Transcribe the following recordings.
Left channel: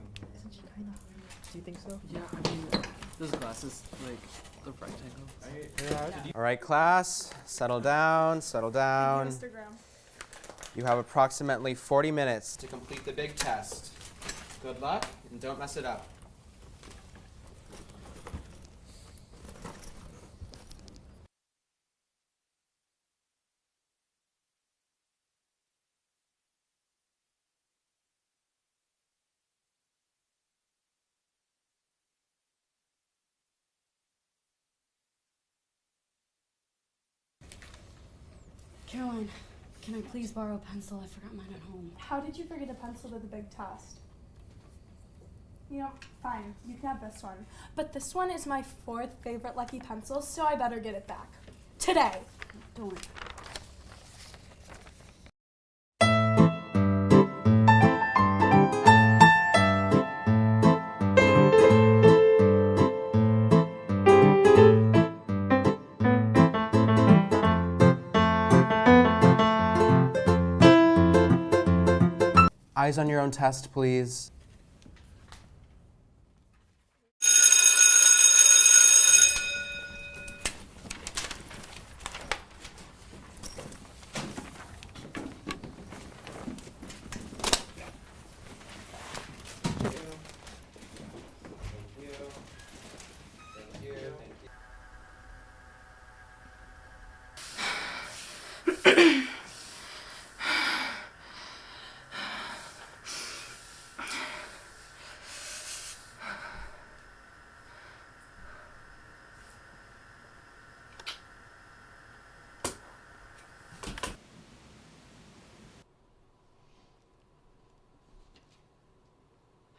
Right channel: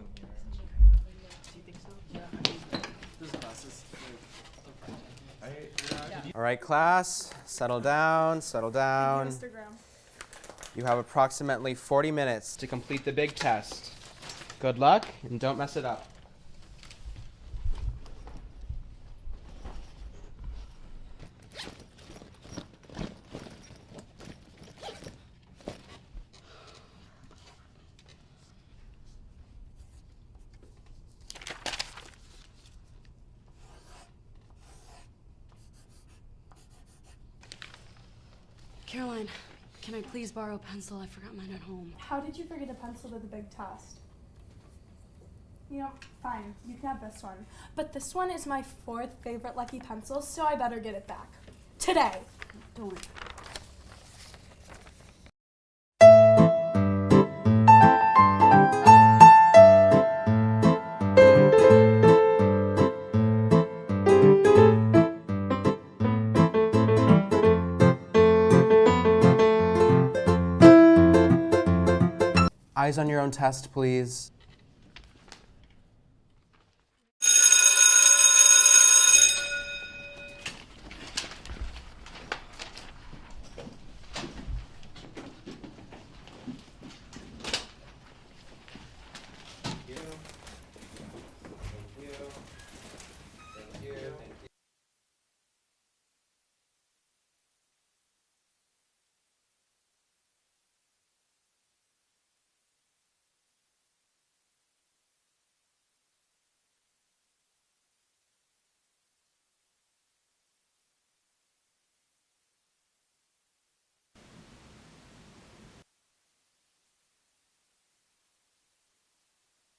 from here. Do you think so? Yeah, I mean, those glasses, like, the rectangles. All right, class, settle down, settle down. Thank you, Mr. Graham. You have approximately 40 minutes to complete the big test. Good luck, and don't mess it up. Caroline, can I please borrow a pencil? I forgot mine at home. How did you forget a pencil to the big test? You know, fine, you can have this one. But this one is my 4th favorite Lucky pencil, so I better get it back. Today. Don't worry. Eyes on your own test, please.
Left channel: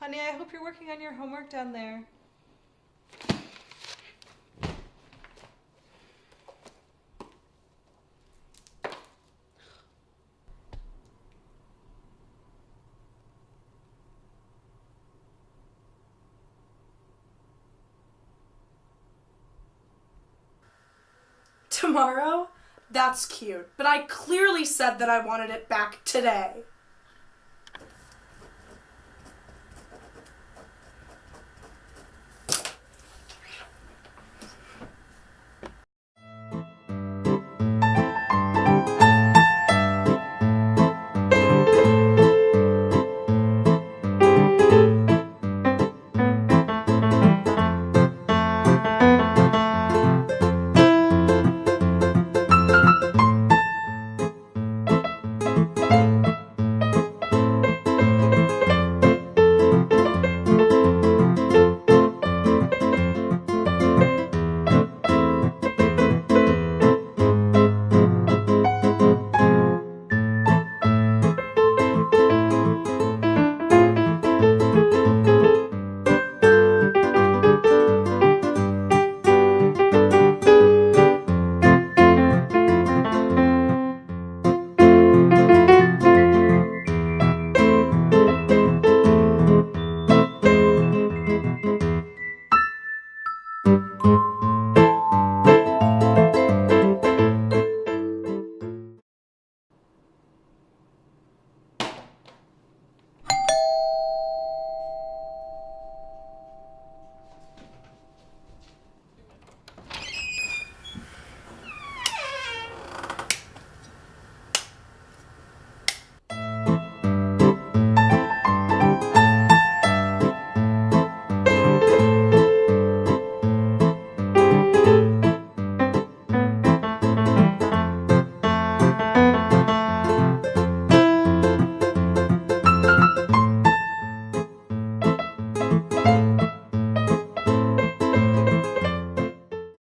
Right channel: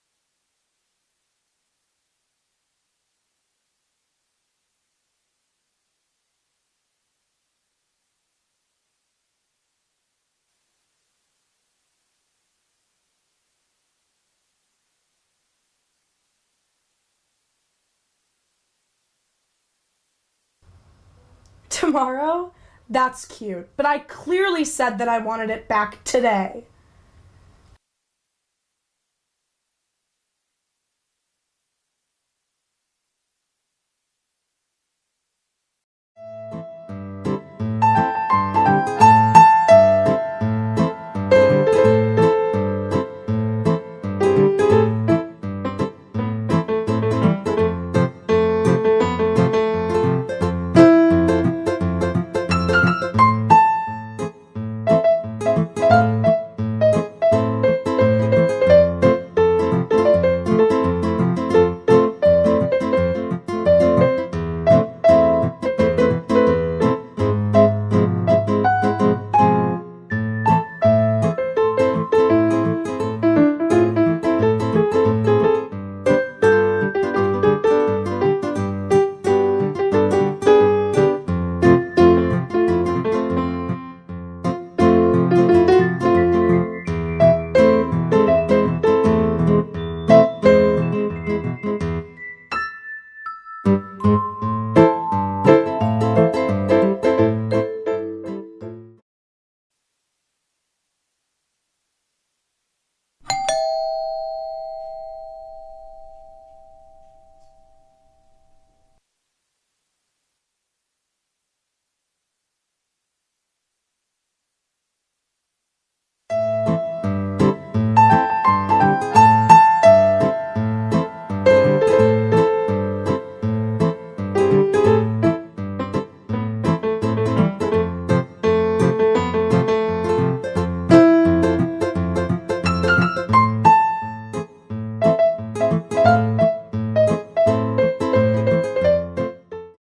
Honey, I hope you're working on your homework down there. Tomorrow? That's cute. But I clearly said that I wanted it back today.